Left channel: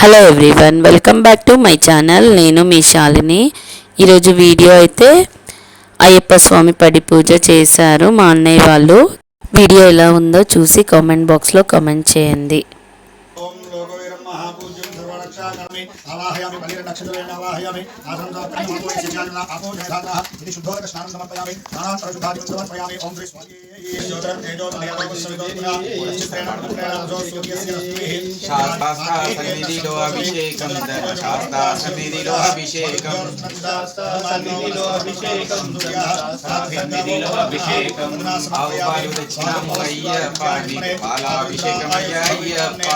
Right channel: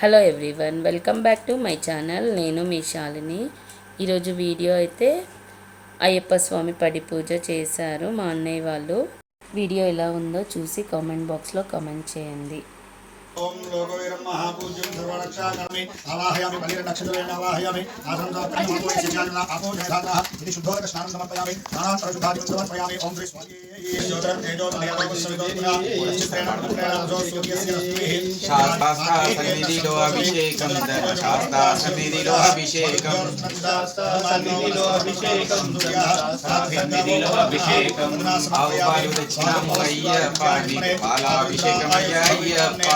Hello everyone, welcome back to my channel. నేను మీ శాలిని. ఈరోజు video అయితే అయ్యప్ప స్వామి పడి పూజ చేశారు మా అన్నయ్య వాళ్ళు. వీడియో ఎలా ఉందో చూసి కామెంట్ బాక్స్లో కామెంట్ చేయండి. ओम लोकवीरं महापूज्यं सर्वरक्षाकर्मि आवाहयामि बलिर्नक्षत्रेण आवाहयामि आसन्दात्मनमोय सिद्धान्ना आपोजयधातः इति शुद्धोदक स्नानं समर्पयामि स्नानान्तरशुद्धादिं समर्पयामि ओम श्री स्वामी ज्योतिरं तेजोमयमवस्सविदोत्रा चित्रेण पुत्रेण जोसूर्यस्य रश्मिः शास्ता सन्निधिलो अभिषेकं शास्ता सन्निधिलो अभिषेकं सन्निधिलो अभिषेकं सन्निधिलो अभिषेकं आवायु दक्षिणं अय्यप्प पालाभिषेकं अय्यप्प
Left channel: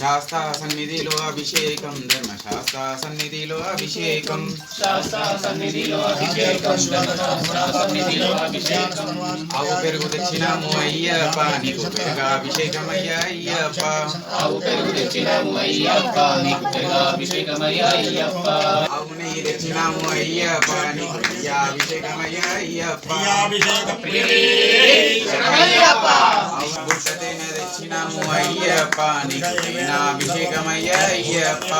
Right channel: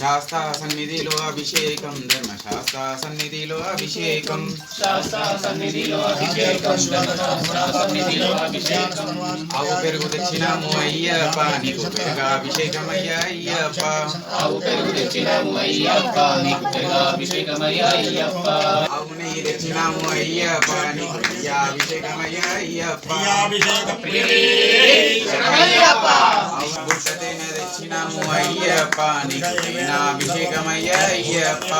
शास्ता सन्निधिलो अभिषेकं धर्मशास्ता सन्निधिलो अभिषेकं शास्ता सन्निधिलो अभिषेकं सन्निधिलो अभिषेकं आవు పెరుగు తెచ్చినాము అయ్యప్ప నీకు పెరుగాభిషేకం అయ్యప్ప ఆవు పెరుగు తెచ్చినాము అయ్యప్ప నీకు పెరుగాభిషేకం అయ్యప్ప ఆవు నెయ్యి తెచ్చినాము అయ్యప్ప నీకు నెయ్యాభిషేకం అయ్యప్ప అభిషేకం అయ్యప్ప ఆవు గుట్ట తేనె తెచ్చినాము అయ్యప్ప నీకు తేనాభిషేకం అయ్యప్ప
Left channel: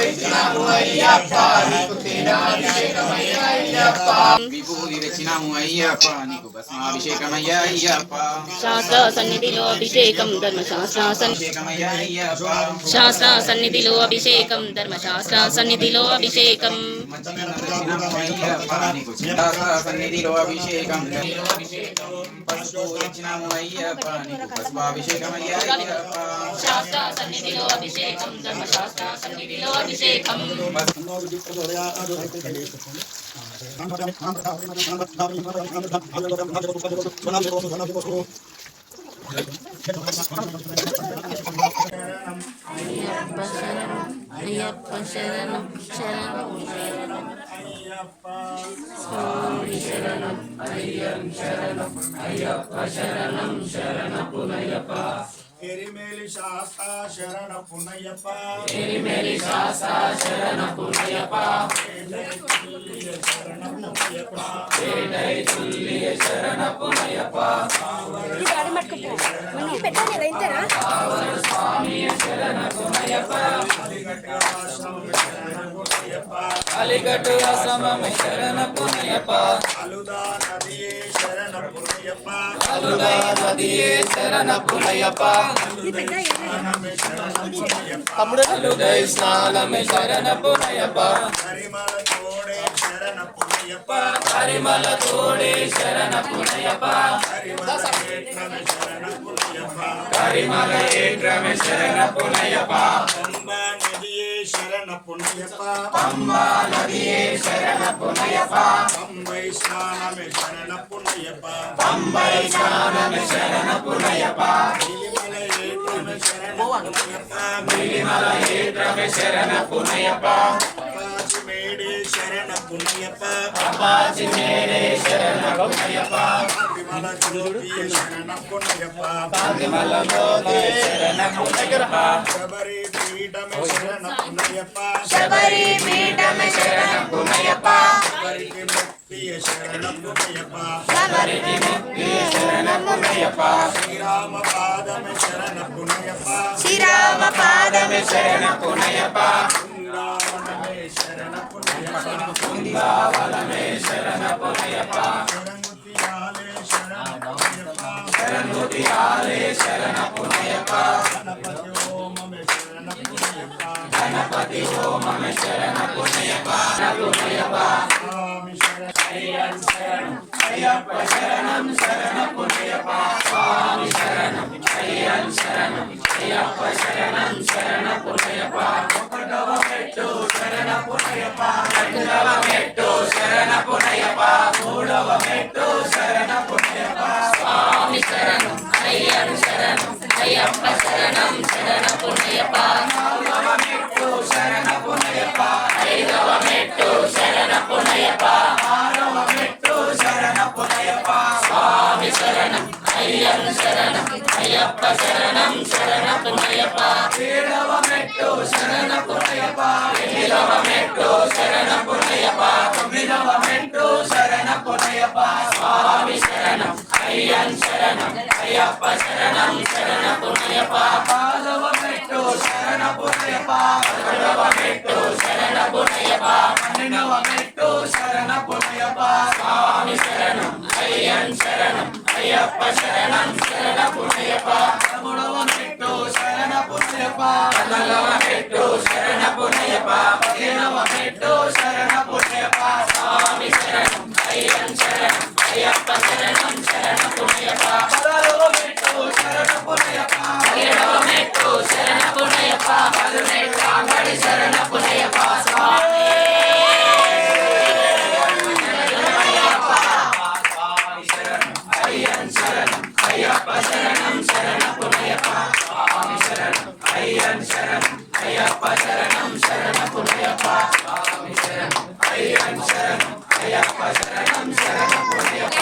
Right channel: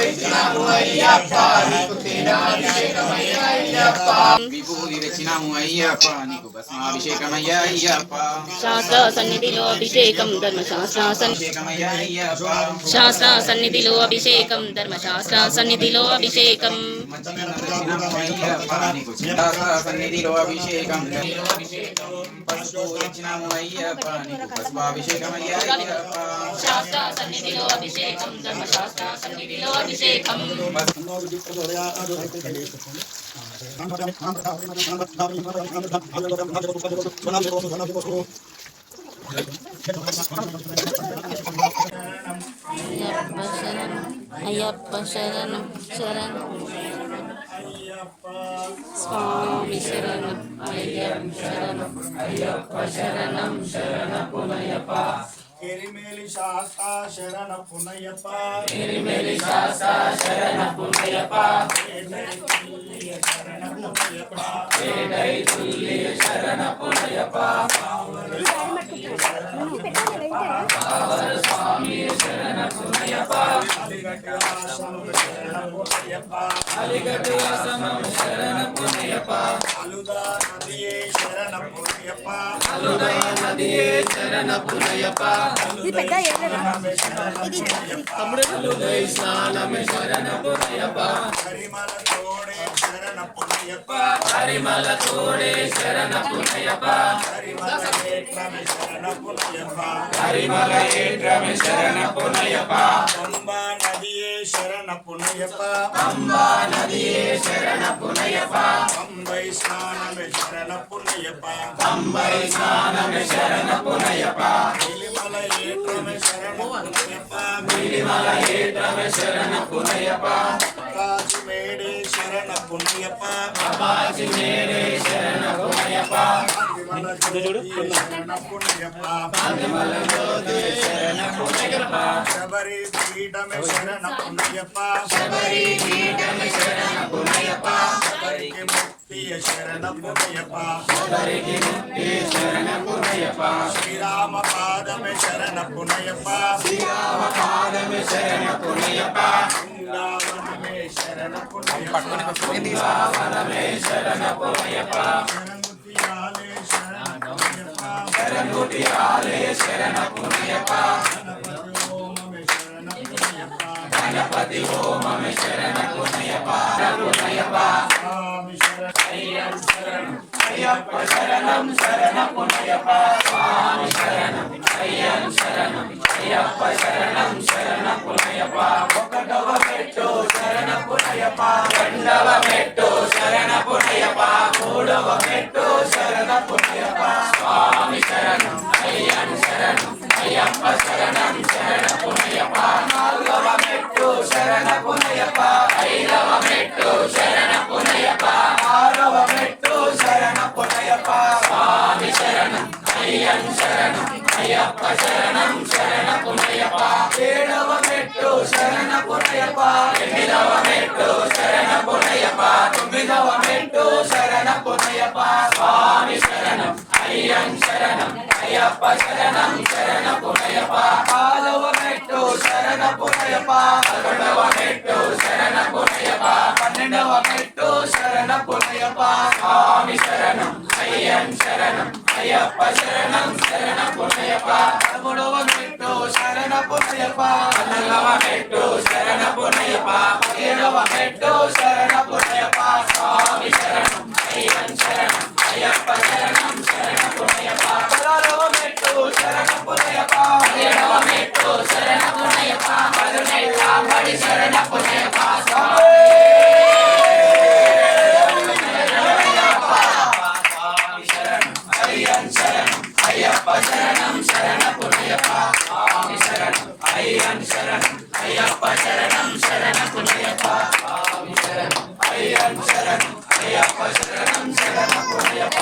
తెచ్చినాము అయ్యప్ప నీకు తేనాభిషేకం అయ్యప్ప విభూతి తెచ్చినాము అయ్యప్ప నీకు భస్మాభిషేకం అయ్యప్ప శాస్త్ర సన్నిధిలో అభిషేకం ధర్మశాస్త్ర శాస్త్ర సన్నిధిలో అభిషేకం ధర్మశాస్త్ర సన్నిధిలో అభిషేకం సన్నిధిలో అభిషేకం పసుపు తెచ్చినాము అయ్యప్ప నీకు పసుపాభిషేకం అయ్యప్ప శాస్త్ర సన్నిధిలో అభిషేకం ధర్మశాస్త్ర సన్నిధిలో అభిషేకం అయ్యప్ప శరణం శరణం స్వామి శరణం అయ్యప్ప శరణం శరణపునయ్యప్ప కిరిమేలి శాస్తా శరణ పునయ్యప్ప ఎరిమెలి శాస్త్ర శరణపునయ్యప్ప శరణపునయ్యప్ప స్వామి శరణపునయ్యప్ప అలిగట్టు ఆశ్రమం శరణపునయ్యప్ప అలుదా నదియే శరణ పునయ్యప్ప అలుదా నదియే శరణపునయ్యప్ప అలుదై స్నానమే శరణపునయ్యప్ప హరిమల తోడే శరణ పునయ్యప్ప హరిమల తోడే శరణపునయ్యప్ప హరిమల ఏక్రమే శరణ పునయ్యప్ప హరిమల ఏక్రమే శరణపునయ్యప్ప పంబా నదియే శరణ పునయ్యప్ప పంబా నదియే శరణపునయ్యప్ప పంబై స్నానమే శరణ పునయ్యప్ప పంబై స్నానమే శరణపునయ్యప్ప గిలిమల ఏక్రమే శరణ పునయ్యప్ప గిరిమల ఏక్రమే శరణపునయ్యప్ప కాచి మేడే శరణ పునయ్యప్ప అపాచి మేడే శరణపునయ్యప్ప హరిమల జ్యోతియే శరణ పునయ్యప్ప పాతిమల జ్యోతి శరణపునయ్యప్ప శబరి పీఠమే శరణ పునయ్యప్ప శబరి పీఠమే శరణపునయ్యప్ప శబరికి ముక్తియే శరణ పునయ్యప్ప శబరికి ముక్తి శరణపునయ్యప్ప శ్రీరామ పాదమే శరణ పునయ్యప్ప శ్రీరామ పాదమే శరణపునయ్యప్ప బృందావనమే శరణ పునయ్యప్ప బృందావనమే శరణపునయ్యప్ప శరణుతియాలే శరణ పునయ్యప్ప శరణుతి ఆలే శరణపునయ్యప్ప గణపతి హోమమే శరణ పునయ్యప్ప గణపతి హోమమే శరణపునయ్యప్ప స్వామి శరణ అయ్యప్ప శరణం శరణపునయ్యప్ప స్వామి శరణం అయ్యన్ శరణం అయ్యప్ప శరణం శరణపునయ్యప్ప ఒకటవ మెట్టు శరణపునయ్యప్ప రెండవ మెట్టు శరణపునయ్యప్ప మూడవ మెట్టు శరణపునయ్యప్ప స్వామి శరణం అయ్యన్ శరణం అయ్యప్ప శరణం శరణపునయ్యప్ప నాలుగవ మెట్టు శరణపునయ్యప్ప ఐదవ మెట్టు శరణపునయ్యప్ప ఆరవ మెట్టు శరణపునయ్యప్ప స్వామి శరణం అయ్యన్ శరణం అయ్యప్ప శరణం శరణపునయ్యప్ప ఏడవ మెట్టు శరణపునయ్యప్ప ఎనిమిదవ మెట్టు శరణపునయ్యప్ప తొమ్మిదవ మెట్టు శరణపునయ్యప్ప స్వామి శరణం అయ్యన్ శరణం పాదవమెట్టు శరణపునయప పన్నెండవ మెట్టు శరణపునయప స్వామి శరణం అయ్యన్ శరణం అయ్యప్ప శరణం శరణపునయప పదమూడవ మెట్టు శరణపునయప పద్నాలుగవ మెట్టు శరణపునయప పదిహేడవ మెట్టు శరణపునయప స్వామి శరణం అయ్యన్ శరణం అయ్యప్ప శరణం శరణపునయప పదహారవ మెట్టు శరణపునయప పదిహేడవ మెట్టు శరణపునయప పదిహేడవ శరణపునయప స్వామి అయ్యప్ప శరణం శరణపునయప స్వామి శరణం అయ్యన్ శరణం అయ్యప్ప శరణం శరణపునయప స్వామి శరణం అయ్యన్ శరణం అయ్యప్ప శరణం శరణపునయప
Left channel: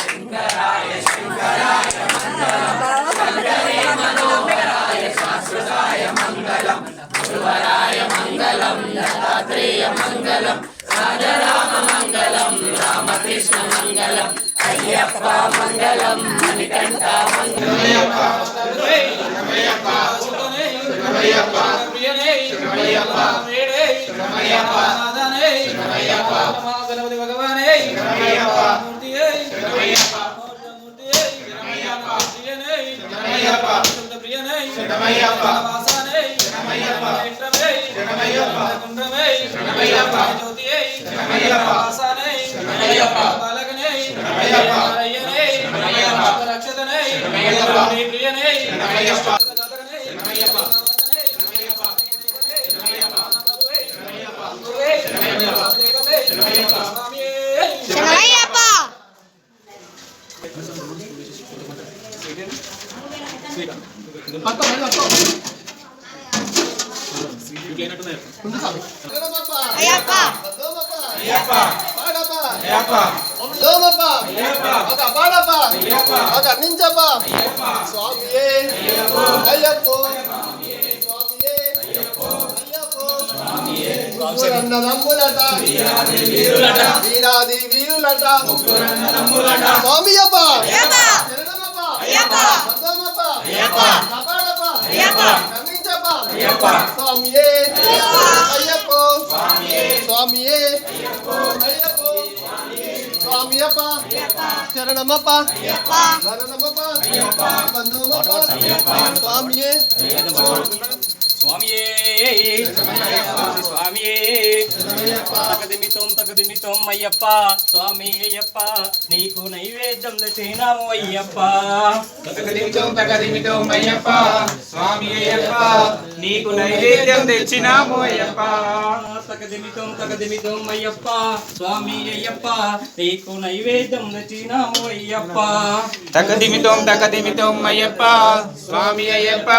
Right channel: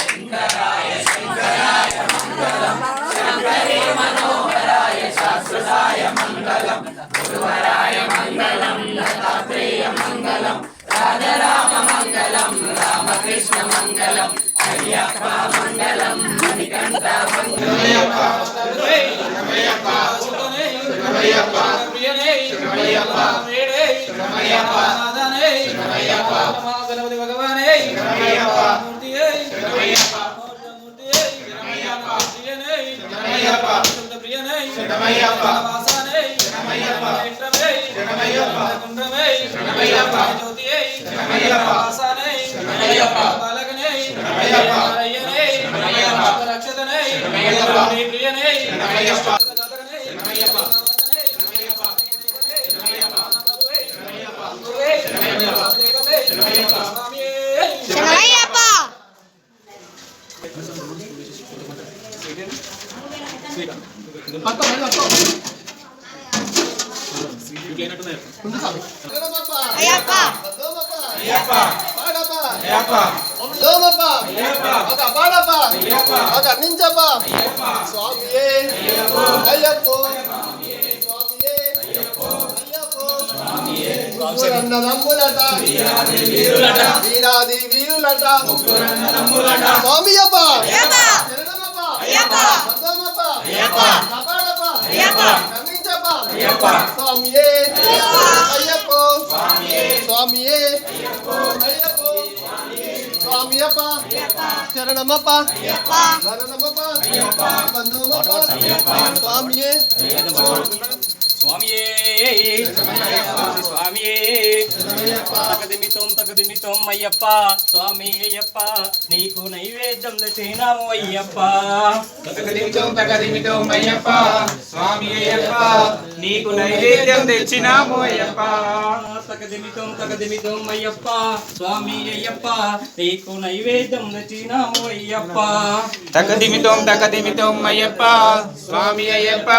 శంకరాయ శంకరాయ మంగళం శంకరే మనోహరాయ శాశ్వతాయ మంగళం గురువరాయ మంగళం దత్తాత్రేయ మంగళం రాధరామ మంగళం రామకృష్ణ మంగళం అయ్యప్ప మంగళం మణికంఠ గణపతి భగవానే వీరాది వీరులట స్వామి స్వామియే అయ్యప్ప స్వామియే స్వామియప్ప శరణమప్ప శరణమప్ప బంధుమప్ప స్వామియే స్వామియే స్వామియే తగదిమితం అయ్యప్ప స్వామి అయ్యప్ప నీకు నైవేద్యం తెచ్చినాము అయ్యప్ప తగదిమితం అయ్యప్ప స్వామి అయ్యప్ప నీకు నైవేద్యం తెచ్చినాము అయ్యప్ప తగదిమితం అయ్యప్ప స్వామి అయ్యప్ప నీకు నైవేద్యం తెచ్చినాము అయ్యప్ప తగదిమితం అయ్యప్ప స్వామి అయ్యప్ప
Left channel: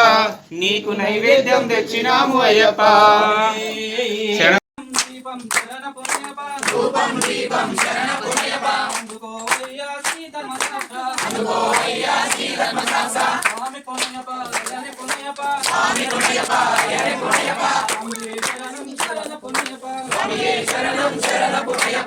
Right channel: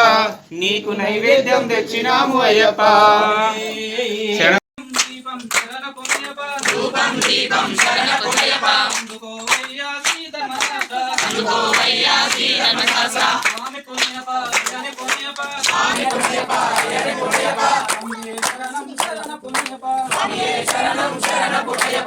నీకు నైవేద్యం తెచ్చినాము అయ్యప్ప ధూపం దీపం శరణపునయప అందుకోవయ్యా శ్రీ ధర్మశాస్త్ర స్వామి పుణ్యప శరణం శరణపునయప